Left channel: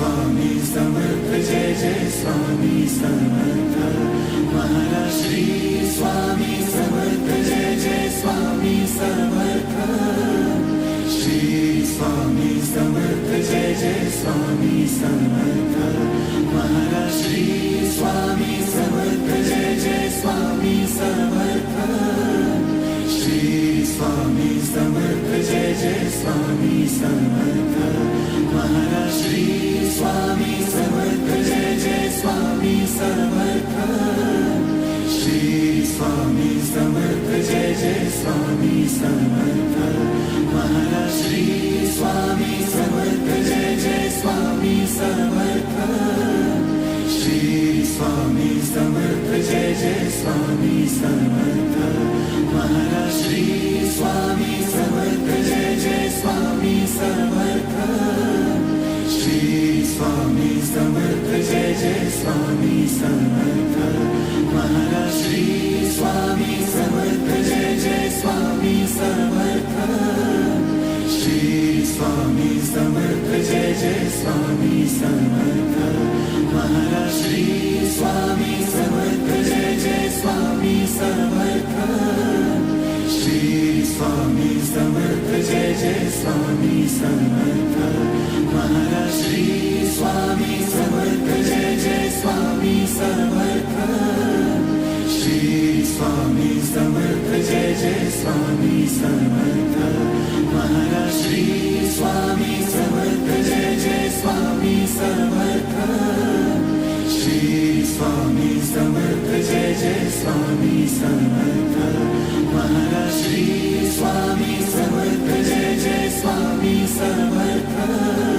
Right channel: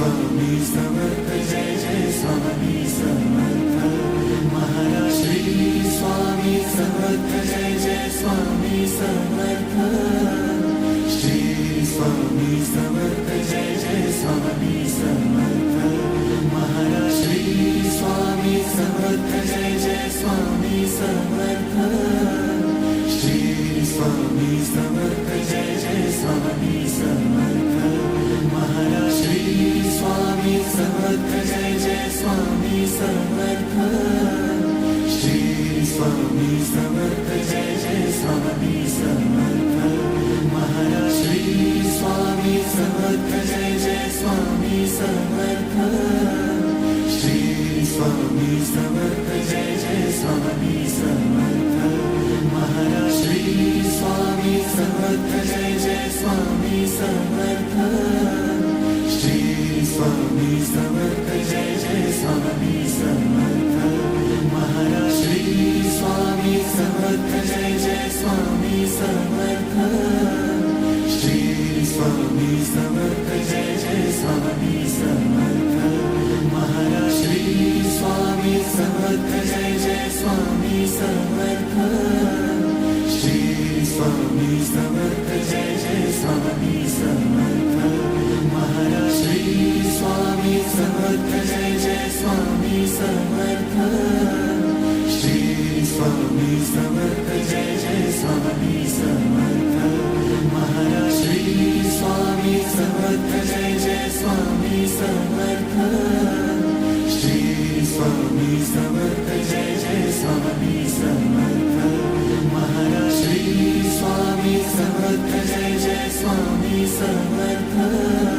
Swami Samarth Jai Jai Swami Samarth Maharaj Shri Swami Samarth Jai Jai Swami Samarth Shri Swami Samarth Jai Jai Swami Samarth Maharaj Shri Swami Samarth Jai Jai Swami Samarth Shri Swami Samarth Jai Jai Swami Samarth Maharaj Shri Swami Samarth Jai Jai Swami Samarth Shri Swami Samarth Jai Jai Swami Samarth Maharaj Shri Swami Samarth Jai Jai Swami Samarth Shri Swami Samarth Jai Jai Swami Samarth Maharaj Shri Swami Samarth Jai Jai Swami Samarth Shri Swami Samarth Jai Jai Swami Samarth Maharaj Shri Swami Samarth Jai Jai Swami Samarth Shri Swami Samarth Jai Jai Swami Samarth Maharaj Shri Swami Samarth Jai Jai Swami Samarth Shri Swami Samarth Jai Jai Swami Samarth Maharaj Shri Swami Samarth Jai Jai Swami Samarth Shri Swami Samarth Jai Jai Swami Samarth Maharaj Shri Swami Samarth Jai Jai Swami Samarth Shri Swami Samarth Jai Jai Swami Samarth Maharaj Shri Swami Samarth Jai Jai Swami Samarth